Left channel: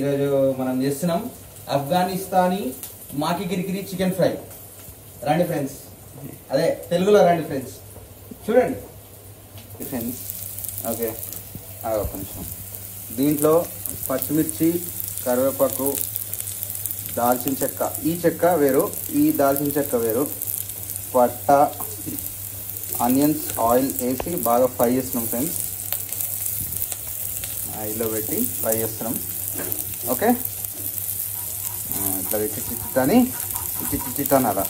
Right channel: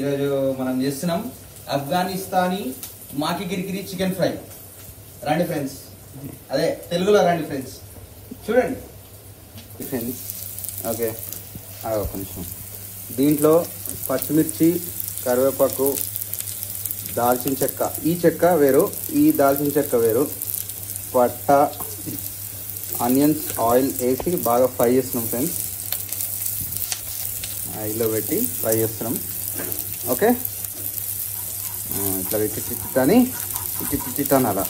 ఈరోజు మనం చేస్తున్నాం ఆఫ్ఘనిస్తానీ మాకి గిరిగిరి చికెన్ ఫ్రై. రండి ఫ్రెండ్స్, అదే తెలుగులో రండి ఫ్రెండ్స్, చూడండి ఫ్రెండ్స్. ఓకే, కొంచెం దీంట్లో పచ్చిమిర్చి, కరివేపాకు, దాల్చిన చెక్క, ఈ చెక్క వేరు, ఈ దాల్చిన చెక్క వేరు, పట్ట, ఆనియన్స్, ఆయిల్ వేసి బాగా ఫ్రై చేస్తున్నాం ఫ్రెండ్స్. ఆయిల్లో పెట్టి ఫ్రై చేస్తున్నాం. ఓకే, ఇట్లా పెట్టి చిట్టాని చిట్టాను అలా.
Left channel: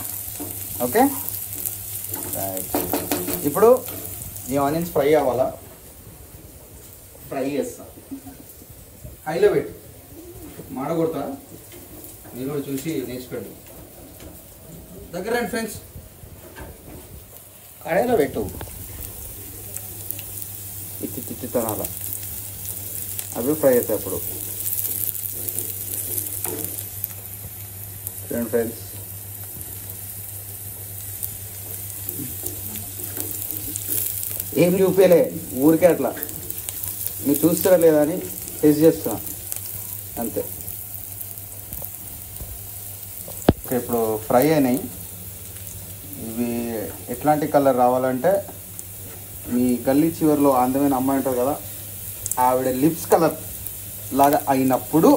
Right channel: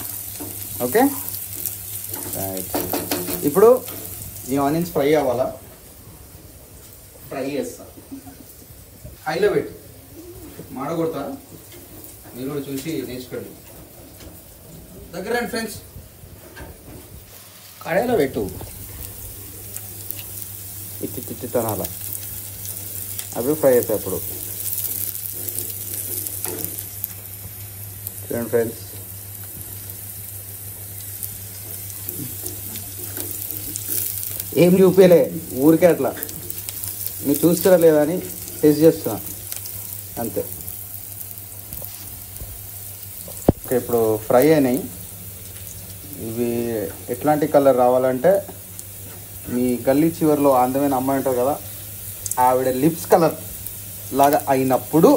ఓకే, ఇప్పుడు ఈ ఆనియన్స్ ఫ్రై అవ్వాలా, ఫ్రై చేస్తా హైలో పెట్టి, మాడగొడతా. మీరు కూడా చూసి నేర్చుకోండి. దగ్గర రండి ఫ్రెండ్స్, కడాయిలో పెట్టు, చిట్టాను అలా. అది ఫ్రై చేసేటప్పుడు ఫ్రెండ్స్ ఏం చూపేలే, ఊరికే అట్లా మీరు చూస్తారా లేదా అని టెస్ట్ చేస్తాం అంతే. ఓకే, ఇప్పుడు ఫ్రై అయినాయి. ఇవి ఎట్లాంటి కలర్ రావాలంటే, మీ గల్లీ చివరిలో అందమైన అమ్మాయి ఉంటుంది కదా, ఆవిడ లిప్స్ కలర్ లాగా అయినప్పుడు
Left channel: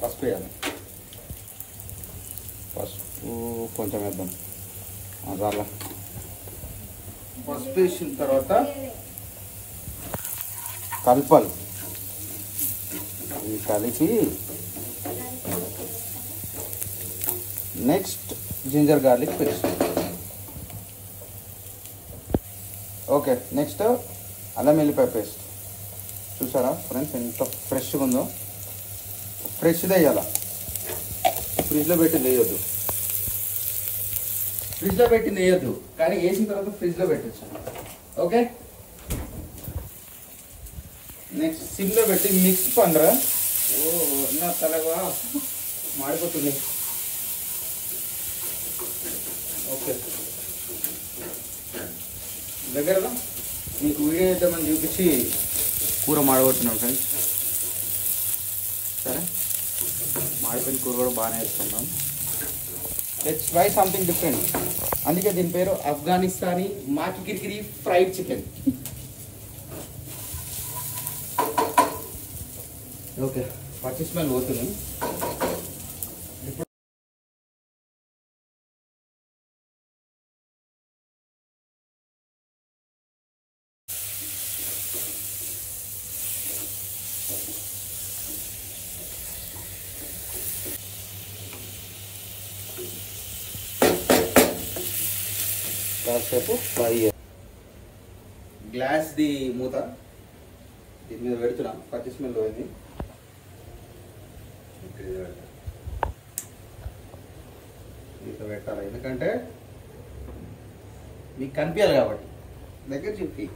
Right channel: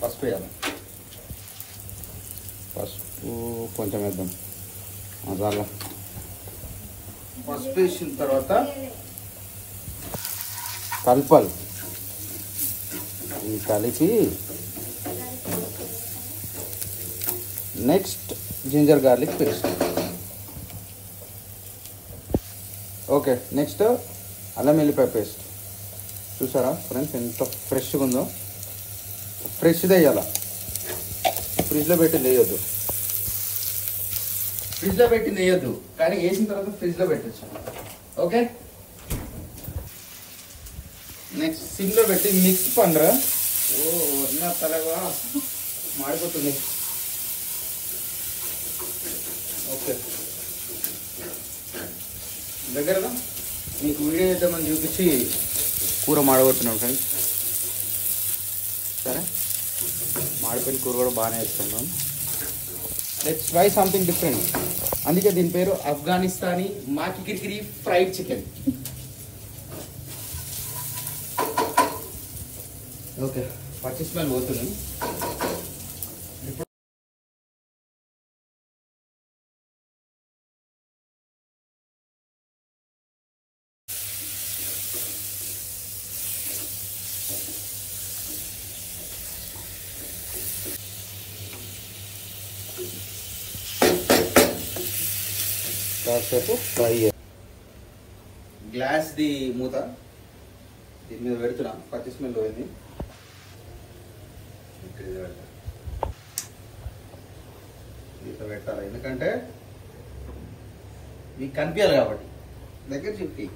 పసుపు వేయాలి. పసుపు కొంచెం వేద్దాం. అలా పసుపు వేసిన తర్వాత కలపాలి. ఇది కలిసి next ginger garlic paste. Okay, next అల్లం వెల్లిపాయ పేస్ట్. చూసారా ఫ్రెండ్స్ ఎంత ఫ్రెష్గా ఉందో? ఫ్రెష్దే వేయాల, ఫ్రిడ్జ్లో పెట్టింది వేయద్దు. ఫ్రిడ్జ్లో పెట్టింది వేయద్దు, కానీ వేసిన తర్వాత ఫ్రిడ్జ్లో పెట్టచ్చు. ఓకే, నెక్స్ట్ సిమ్లో పెట్టి మిక్స్ పండుగ. ఓ నా తలగా మాడిపోతుంది. ఓకే, దగ్గరగా మీకు వీడియో చేద్దామని చూపించి కూర మాడగొట్టున్నాం ఫ్రెండ్స్. సరే, మాడిపోయిన కూర కూడా బాగానే వేస్తాను. Let's try something different. అందుకే దీని పేరు ఆఫ్ఘనిస్తానీ మాకి గిరిగిరి ఫ్రైడ్ చికెన్. ఓకే, పచ్చి స్మెల్ పోతున్నాయి. కాసేపు ఫ్రై. గ్లాస్ ది మూత దీని మీద పెడుతున్నా, పచ్చి స్మెల్ పోయింది. ఇట్లా పెట్టాలి, ఎందుకంటే మీకు కనిపించాలి కాబట్టి. దగ్గర చెప్పి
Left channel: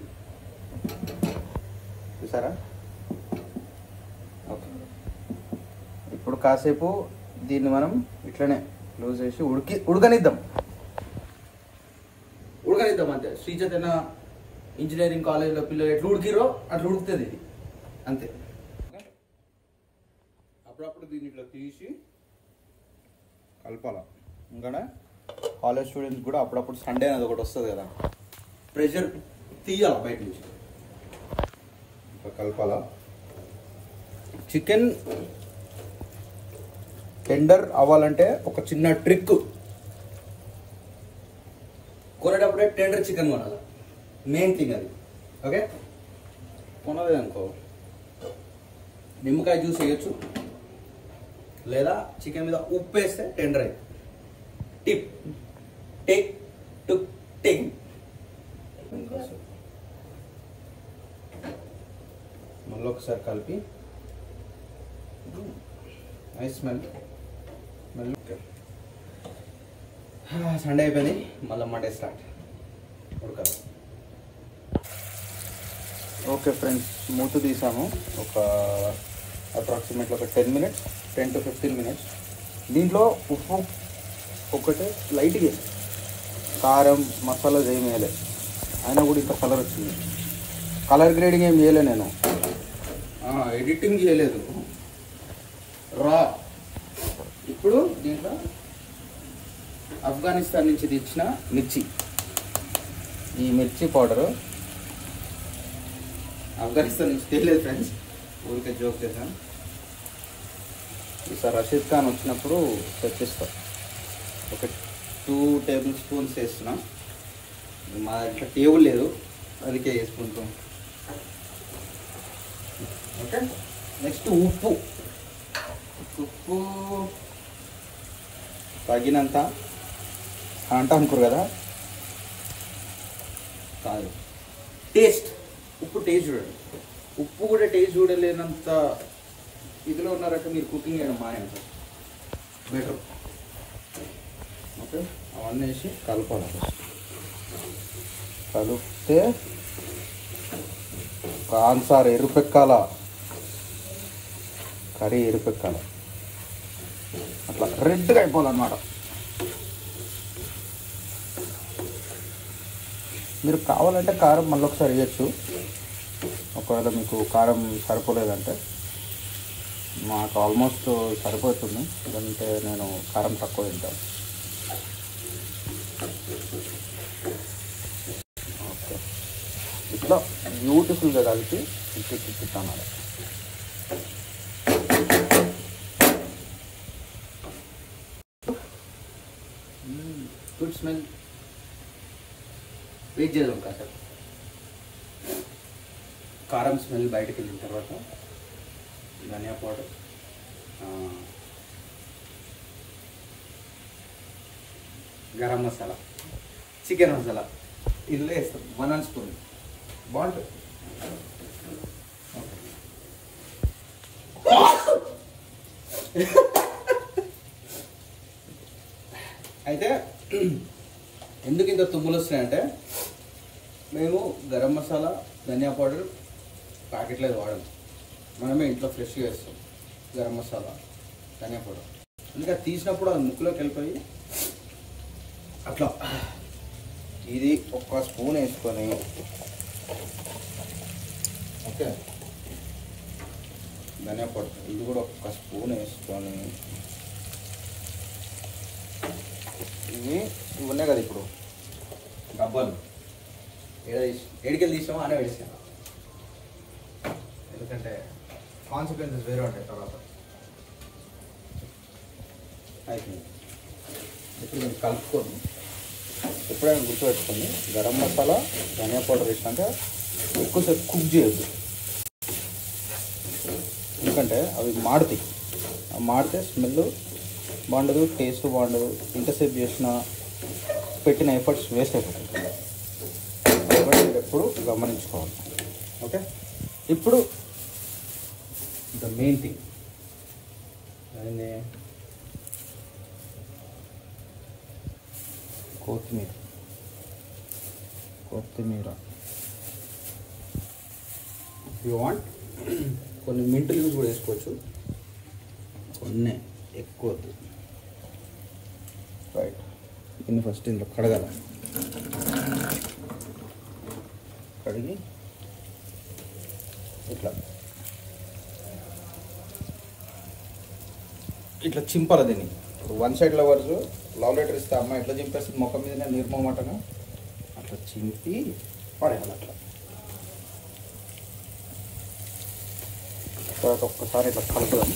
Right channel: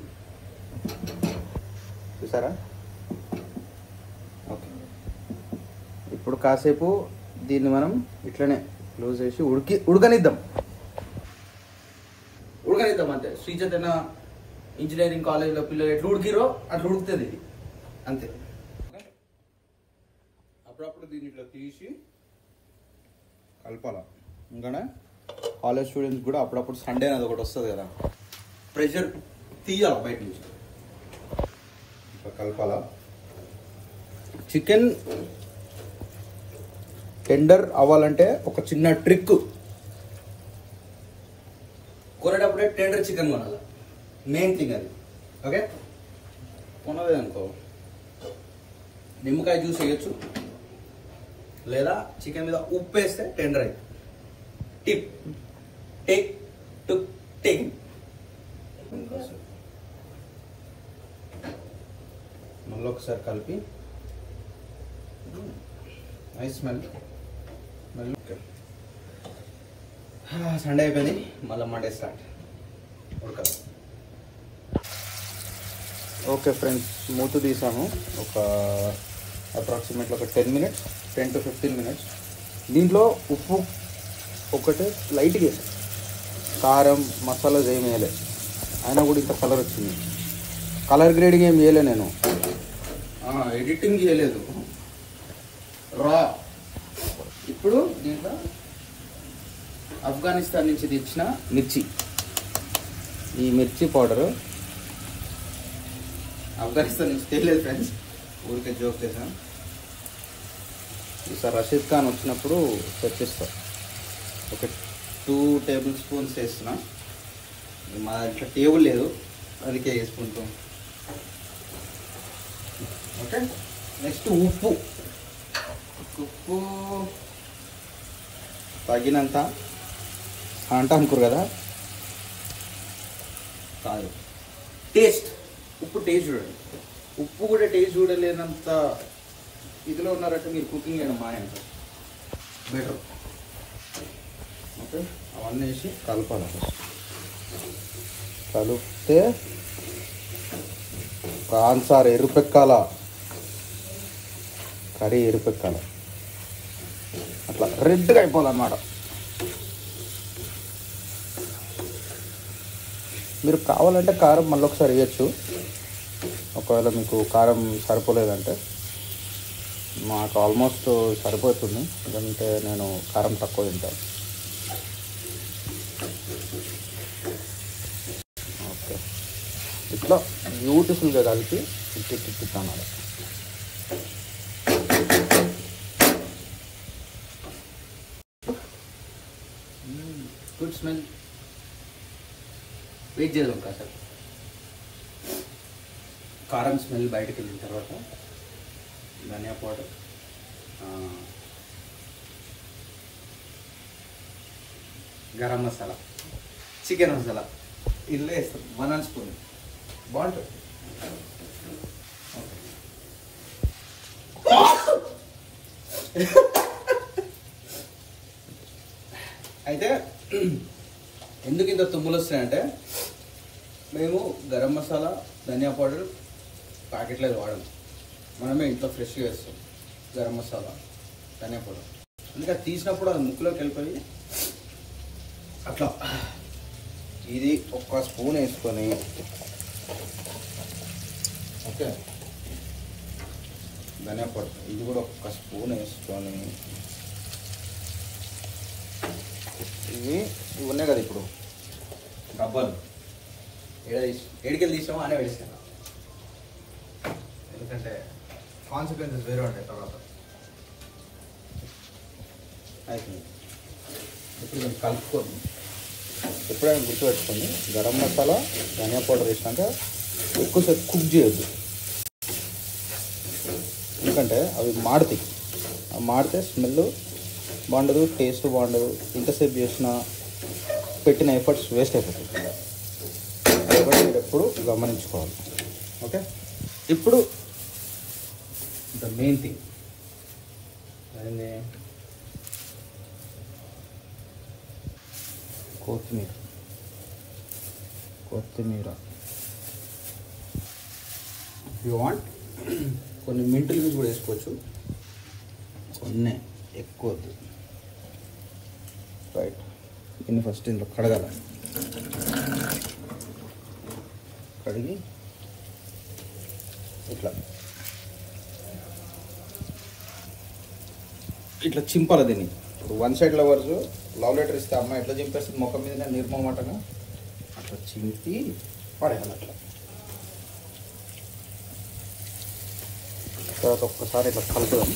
చూసారా? ఓకే, ఇప్పుడు కాసేపు దీన్ని మనం ఇట్లనే క్లోజ్ చేసి ఉడకనిద్దాం అంతే. శ్రీ చైతన్య ఇంజనీరింగ్ కాలేజ్లో పిల్లలు ఎట్లా ఉడికిరో అట్లా ఉడుకుతుంది ఇది అంతే. అప్పుడప్పుడు దీన్ని ఇట్లా తీసి కలపాల. ఇంకా కాలేజ్ స్టూడెంట్స్ కూడా అప్పుడప్పుడు సండే అనేది ఒకటి వస్తుంది కదా, ప్రెషర్ తీయాలి బయట నుంచి, ఇట్లా కలపాల. చికెన్ టెండర్ అవ్వాలంటే ఒక చిన్న ట్రిక్, కొనేటప్పుడే టెండర్ చికెన్ కొనాలి, మెయిన్ థింగ్ అది. ఓకే, కొనలేదు అనుకో నిమ్మకాయ జ్యూస్ వేయచ్చు, లేదా చికెన్ మీద ఉప్పు వేస్తే టెండర్ అయ్యి. టిప్ టిక్ టుక్ టిక్. మళ్ళీ ఒకసారి కలిపి నైస్ స్మెల్. సండే అయిపోయింది, మళ్ళీ మండే స్టార్ట్ ఉడకాలి. ఓకే ఫ్రెండ్స్, మూత తీసాను ఒక అప్రాక్సిమేట్లీ ఒక 10 to 15 minutes. దీంట్లో ఉప్పు ఒకటి లైట్గా, కారం మసాలాస్ ఏమి వేయలే, అయినా కూడా ఇంత కలర్ వచ్చింది. కలర్ గ్రేడింగ్ ఏం చేయలే నేను, ఎడిటింగ్ చేయలేదు, రా. ఇప్పుడు దీంట్లో ఆఫ్ఘనిస్తాన్ నుంచి తెచ్చిన మిర్చి, ఈ మిర్చి పౌడరు ఆఫ్ఘనిస్తాన్ నుంచి తెలియదు ఫ్రెండ్స్, ఊరికే జోక్ చేశాం. ఈసారి రషీద్ ఖాన్ వచ్చినప్పుడు తెప్పిస్తా. ఒక 2 టేబుల్ స్పూన్స్ వేస్తున్నా. మా ఇంట్లో టేబుల్ లేదు, అందుకే వేసుకుంటాం. ఓకే, నెక్స్ట్ ఉప్పు. ఉప్పు తగినంత అంటా అనుకోరు కదా, కాదు. టేస్ట్, ఉప్పు టేస్ట్ చూడండి. ఉప్పు కూడా టేస్ట్ చూడలేనంత ఇదిలో ఉన్నారంటే మీరు కుకింగ్ చేయడం మానేంత బెటర్. ఓకే, అవన్నీ వేసి కలపాలి. కలిపితే కాన్సార్ ఎరుపెక్కాల, కర్రీ ఎరుపెక్కాల, అట్లా రెడ్గా అయిపోవాలన్నమాట. మీరు కావాలంటే కారం మళ్ళీ ఒకసారి వేయచ్చు, ఒకవేళ మీకు కారం సరిపోలేదంటే. నాకు ఆల్మోస్ట్ సరిపోతుంది, లేదంటే నేను కారం తక్కువ తింటాను. ఓకే, ఇట్లా బ్యూటిఫుల్గా కలిపి తిప్పుతాం. Good smell. వెయిట్ చేద్దాం కాసేపు. కారం స్మెల్ బయటకు వెళ్ళిన తర్వాత ధనియా పౌడర్, గరం మసాలా, చికెన్ మసాలా ఇల్లు వేస్తాం. 1 స్పూన్ బాగుంటుంది. అయితే ఎందుకు ఇంత తుమ్ములు వస్తున్నాయంటే, మేము గరం మసాలా, ధనియా పౌడర్ ప్యాకెట్లో వాడము. మనమే ఇంట్లో ఫ్రెష్గా వేస్తాం గరం మసాలా, ధనియా పౌడర్. అందుకే తీసినప్పుడు అది ముక్కులోకి వెళ్ళిపోయి అట్లా. ఇది 1 స్పూన్ వేసుకొని, ఓకే, ధనియా పౌడర్ ఇది కూడా 1 స్పూన్ వేసుకొని, ఇవి ఉన్నాయి కదా ఇప్పుడు డబ్బాలు, ఏడికెళ్ళి తీసామో అనే వేసాను. ఎందుకంటే కాన్సిక్వెన్సెస్ వేరే ఉంటాయి తర్వాత. అయితే ఇప్పుడు మీరు కలుపుకొని ఎప్పుడైనా గుర్తుపెట్టుకోండి, గరం మసాలా, ధనియా పౌడర్ వేసినాక ఎక్కువసేపు కుక్ చేయొద్దు. ఎందుకంటే అవి మాడితే స్మెల్ బాగుండదు, టేస్ట్ బాగుండదు. ఇంతసేపు చేసిన పెట్టిన ఎఫర్ట్స్ వేస్ట్ అయిపోతుంది. ఎప్పుడు గమనించుకోవాలి. ఓకే, ఇప్పుడు ద మెయిన్ థింగ్ అదే కొత్తిమీర. యూ వాంట్ కొన్ని మింట్ లీవ్స్ కూడా వేసుకోవచ్చు, కొన్ని ఎక్కువ వద్దు. రైట్, దీన్ని ఫస్ట్ ఇంట్లో కడగాల. కడిగి ఇట్లా చింపాలి దీన్ని. ఇప్పుడు 1 సైడ్ లవర్స్ లవ్ లెటర్ ఇస్తే అమ్మాయి ఎట్లా చింపేస్తుంది ముఖం మీద నిర్మమాటగా, అట్లా చింపి పడేయాలి. అట్లా తర్వాత ఒక్కసారి ఇట్లా కలుపుదాం.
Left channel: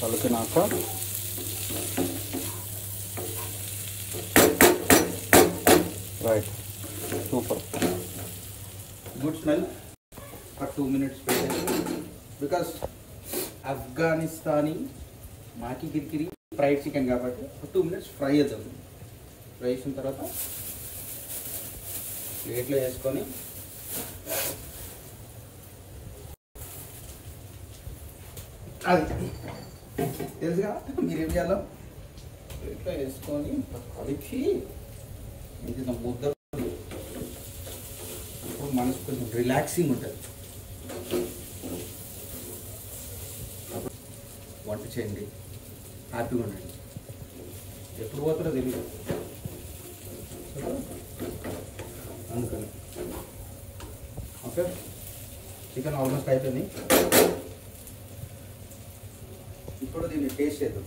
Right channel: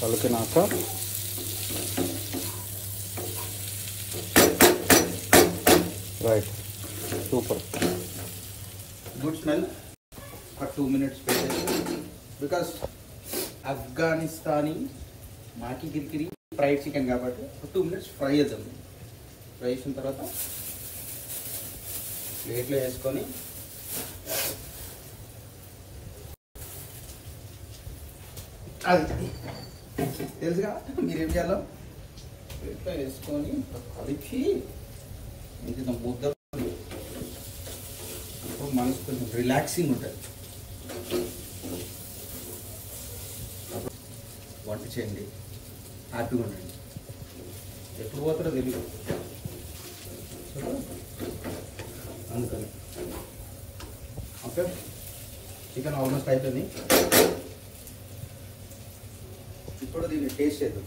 కలిపినాక రైట్, సూపర్, గుడ్ స్మెల్. ఒక 2 minutes పెట్టేసి, బికాస్ ఆఫ్ఘనిస్తానీ మాకి కిరికిరి ఫ్రైడ్ చికెన్ కాబట్టి 2 minutes ఫ్రై చేద్దాం. ఫ్రై చేసిన తర్వాత ప్లేట్లో వేసుకొని అది తెలుసుగా మీరేం చేయాలో, ప్లేట్లో వేసుకొని కలిపి ఇది నా ముద్ద. ఇప్పుడు మనకు కొంచెం రిలాక్సింగ్ ఉంటుంది. వంట చేయండి, హ్యాపీగా ఉండండి. ఎప్పుడు పోతారో తెలియదు. అందుకని ఓకే. చికెన్ ఆల్మోస్ట్ అయిపోయింది. ఇప్పుడు దీన్ని టేస్ట్ చేద్దాం.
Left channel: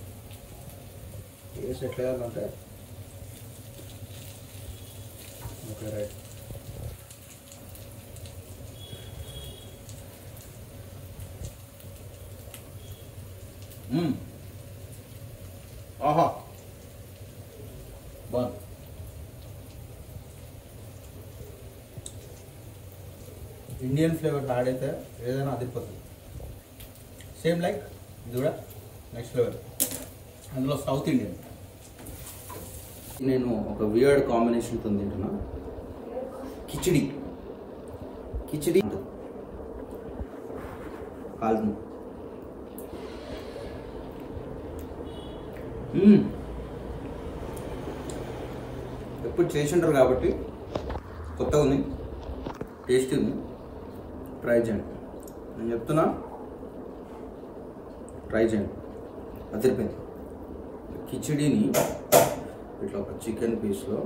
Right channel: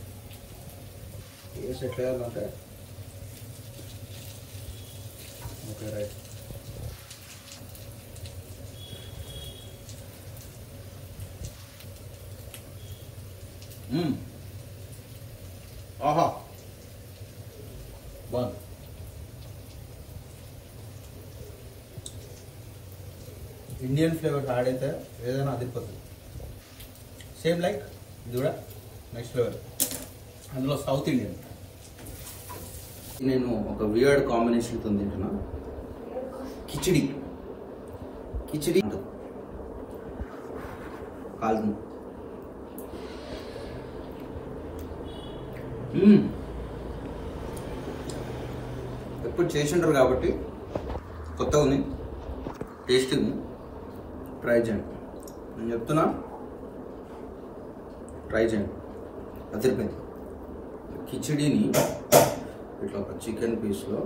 టేస్ట్ ఎట్లా వేయాలంటే ఓకే రైట్. ఆహా బాగుంది. ఇండియన్ ఫ్లేవర్ యాడ్ అయితే ఏదైనా అదిరిపోతుంది. సేమ్ లైక్ ఇది కూడా నెక్స్ట్ ఫ్లేవర్, అందులో సౌత్ ఇండియన్. నేను ఒక వియర్డ్ కాంబినేషన్తో తింటున్నా. కిచిడి కాల్తుంది. ఎప్పుడు చేసింటారు కాబట్టి కొత్తగా ఉంది, టేస్ట్ ఉంది. ట్రై చేయండి, నేను చెప్తున్నా, ట్రై చేయండి. అదిరిపోయింది. కిచిడీని ఇట్లా ఒక చికెన్ పీస్లో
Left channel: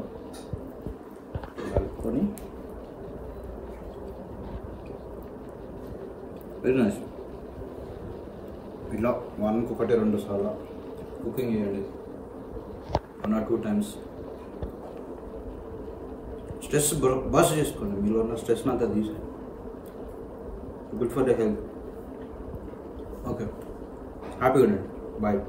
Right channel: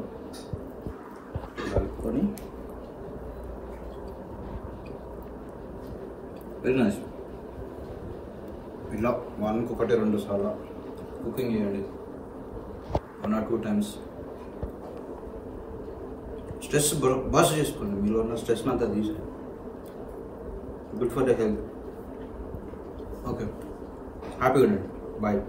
కలుపుకొని వెరీ నైస్. ఇలా 1-2 సార్లు కుకింగ్ చేయండి, 1 or 2 times. స్ట్రెస్ బస్ చేసుకోండి, మీలో ఉన్న స్ట్రెస్ అంతా తీసుకోండి. Good for the health. Okay, హ్యాపీగా ఉండండి. బాయ్.